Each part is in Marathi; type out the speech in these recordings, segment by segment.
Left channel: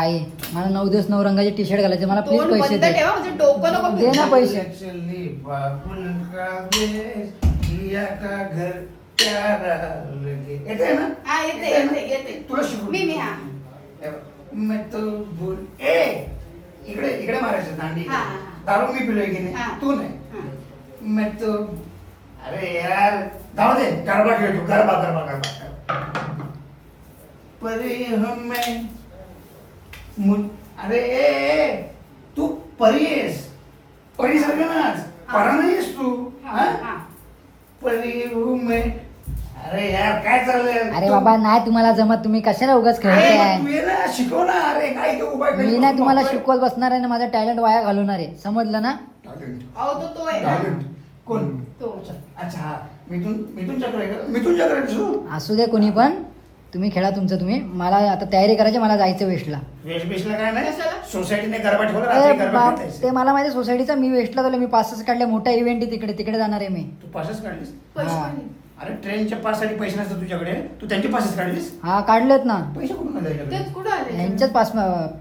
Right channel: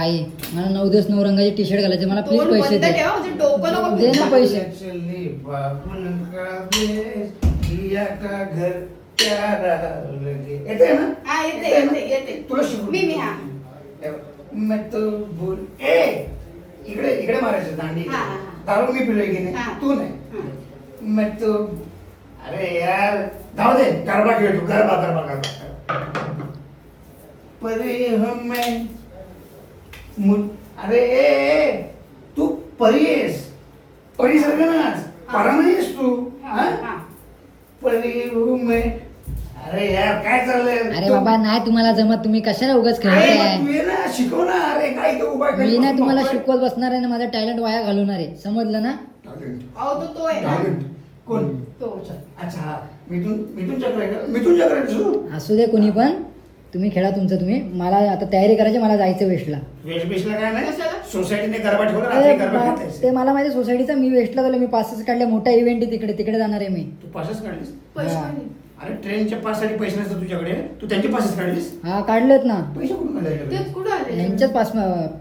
आई मला 9 दिवस 9 रंगाचे टी शर्ट घालायचे मला प्लीज पैसे दे. म्हणजे डोकं नको दे ना पैसे. चली बाबुल का देश जिया का घर प्यारा लगे. येते ना? हा येते तुला शिकू मी हा मैं तो भूल ए इकडे इकडे मारायचं दांडी. हा, हा. दारू मी पिलोय की हा. नाही तू नाही. हा. मैं तो अरे यार जाऊ दे गरबा खेळ तू गरबा परी हमें अरे तू परी आहेस परी सारखं ना परा नाहीस तू हा. परी हमें अरे यार काय चाललंय अरे बाबा नाही तुम्हाला जमत तुम्ही कशाला उगाच अरे मग खेळताय. तू ये ना शिकव ना अरे काय तो उभा मी नाही तुम्हाला शिकवत बसणार आहे ना माझा टॅलेंट वाया घालवणार आहे समजलं ना. अहो तो आहे कोण तो अच्छा हा मिथून चक्र आहे का मिथून चक्र आहे तुझं? असू दे कोणी पण तुम्ही खेळा तुमचं तुम्ही. मला आता तयारी करायची मला जायचं वेस्टला. वेशभूषला काय नाही कशाला? सोसायटीने गरबा ठेवला रात्री गरबा खेळतायस. ते मला माहिती सोसायटीचा मी वेस्टला गेलो मी पासच काढले मोठा इव्हेंट आहे तिकडे जाणार आहे मी. तू पासच काढलीस पैसे हा. पण अरे ट्रेनच्या पाससाठी पैसे नसतात तुझ्याकडे तू त्यांचे पासच काढलीस हा काढलेत ना पैसे कुठून काढले तेच कुठं आले यांच्याच पास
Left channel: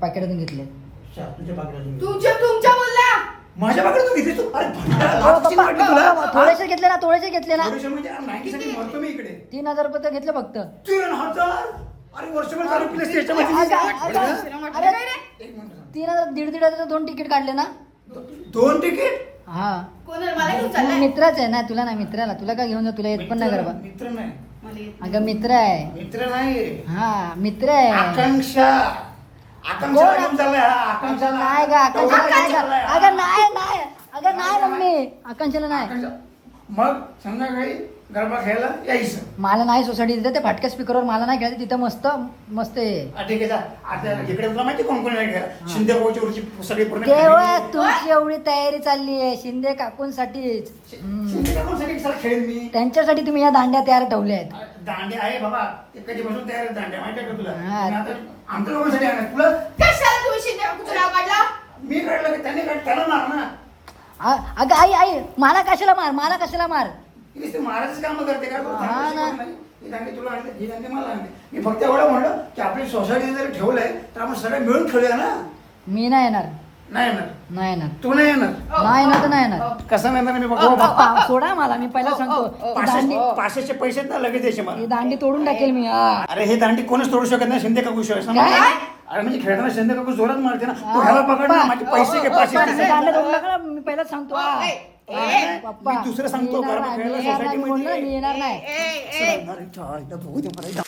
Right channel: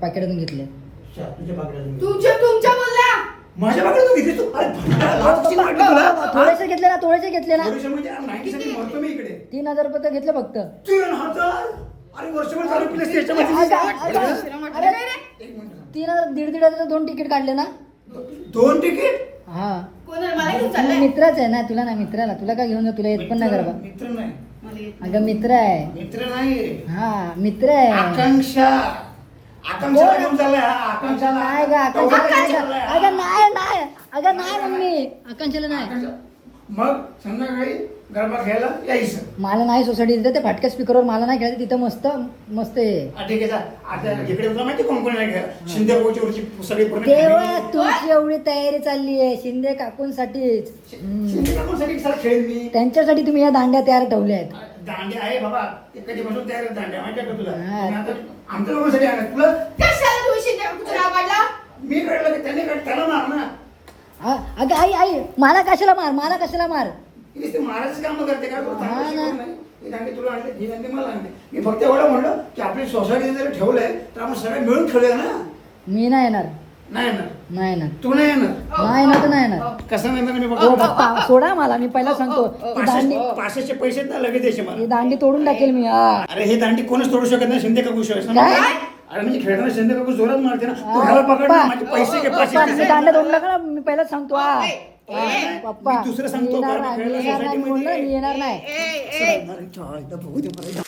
पाकिटातून घेतले. तुझ्या पाकड्यातून तुमच्या बोलला माझ्या पाकड्यातून घेतली तू अरे लाज कशी वाटली तुला थोडेसे घेतले ना थोडेसे घेतले ना. थोडेसे म्हणजे 90 साठी मरतो मी इकडे 3000 रुपये तर घेतले फक्त. 3000 अरे वर्षभर दारू पिलेस त्याच्यामध्ये अरे, एक मिनिट थांब. 3000 1,500 2 तिकीट काढले ना. 2 तिकीट हा कोणाला मला घेऊन तुला चाललाय मित्रच आहे ना तुला नाही मित्राला तुला काय घेऊन जा तुला येत पण नाही गरबा. मित्र नाही मला येत अगं मित्र आहे. मित्र नाही हा मित्र आहे. आकांक्षाला घेऊन चाललाय हा आकांक्षाला नाही ग आकांक्षाला नाही. अगं नाही अगं नाही मम्मी आकांक्षाला नाही. आकांक्षा. मग संध्याकाळी गरबा खेळायला यायचं मला नाही सोसायटी तिथे ते फाटक्या स्पीकरवर मला नाही खेळायचं तिथं मस्त मस्त आहे. ठीक आहे जा. आता इकडे तुला माहिती कोण कोण नाही खेळा शिंदे भाऊची वरची सगळी पूर्ण तेव्हा family. तुमची एवढी तयारी चालली आहे शिंदे काकूंसाठीच. शिंदे काकूंसाठी सर खेळ मी त्यांच्यासाठी तुम्ही या दांड्या तयार ठेवल्या आहेत. दांडे आहे बाबा ते कधीपासून तयार आहेत दांड्या माहिती आहे का तुला हा. आणि आता आमच्या लोकांसाठी आहे तुला कशाला तुम्ही शिंदे नाव काढला मी काढलं की त्यांनी काढ त्याला मार ना अगं आई मला कशाला मार ते महाराज काम करते का तू हा ना. शिकवत नाही. ही दांडी तुला आणते ही दांडी मला आणते मी फक्त एवढं म्हणलं की आपली सोसायटी जर ठेवलंय तर आपण सगळे मिळून खेळूया ना मी नाही येणार नाही येणार तू नाही येणार नाही येणार तर नाही येणार. कसं नाही येणार मी हो, बघू पप्पा, सोडा मला मी पहिला सांगतो ही दांडी- पाचशेचे पैसे ना लगेच द्यायचे ही मला दांडी तोडून टाकेल मी. हा. अरे हे दांडी कोणच तोडू शकत नाही शिंदे काकू शिवाय समजलं? काय? अरे म्हणजे खेळताना शिंदे काकू जोरात मारते ना तू ह्याला पकड ना माझे पैसे घे पप्पा, पाचशे दांड्या तोडून टाका ना, मी पहिला सांगतो हा. पप्पा मी दुसरं सांगतो मी येणार गरबा नाही, खेळायला मी येणार नाही, सोसायटीमध्ये बोललो, मी येणार नाही. अरे, बघू दे मला.